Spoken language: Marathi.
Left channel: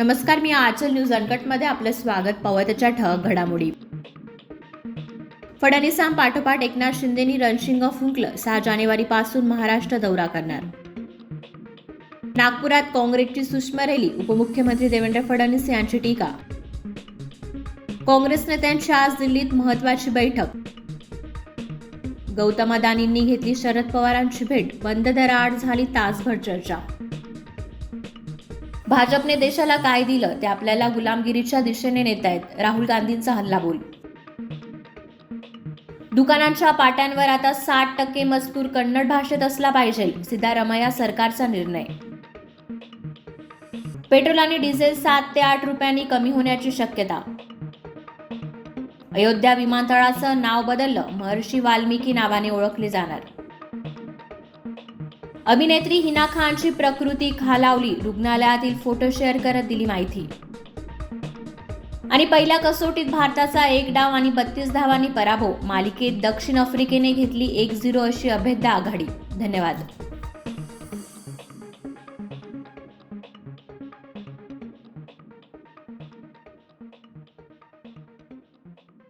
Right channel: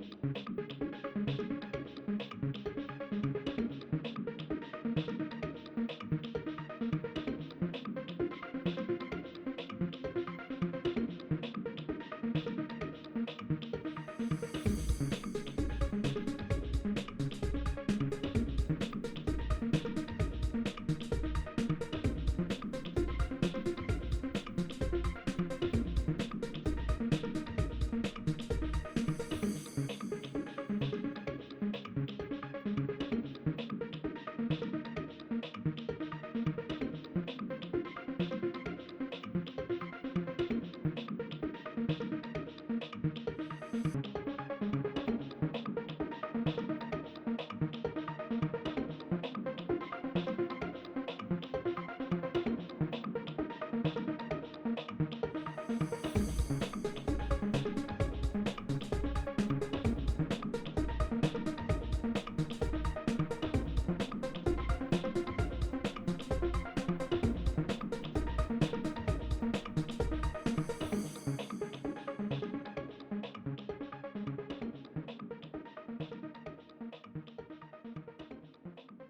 नमस्कार, मी आचल न्यूज अनकटमध्ये आपलं स्वागत. पाहूया त्याच्या ठळक घडामोडी. फडणवीसांपाठोपाठ एकनाथ शिंदेनी रणशिंग फुंकलं. 6 जानेवारीपासून महाराष्ट्र दौरा करणार. नागपुरात काँग्रेसची सूक्ष्म रॅली. उपमुख्यमंत्री देवेंद्र फडणवीस यांची टीका. काँग्रेस नेत्यांची आज दिल्लीत महत्त्वाची बैठक. गौतम अदानींनी घेतली शरद पवारांची भेट. बंद दराआड झाली तासभर चर्चा. भाजपने देशाला काय दिलं ते आपल्याला गुलामगिरीच्या दिशेने नेतायत. राहुल गांधींचा हल्लाबोल. दुकानांच्या पाट्यांवर आता 60% मजकूर कन्नड भाषेत असला पाहिजे. सिद्धारमैया सरकारचा निर्णय. पेट्रोल आणि डिझेल 7 ते 8 रुपयांनी कमी होण्याची शक्यता. अयोध्या विमानतळाचं नाव बदललं. महर्षी वाल्मिकी नावाने ओळखले जाणार. अभिनेत्री हिना खानची प्रकृती खालावली. रुग्णालयातील फोटो शेअर करत दिली माहिती. आणि पहिल्या कसोटीत भारताचा 1 डाव आणि 32 धावांनी पराभव. मालिकेत दक्षिण आफ्रिकेने घेतली 1-0 अशी अभेद्य आघाडी. धन्यवाद.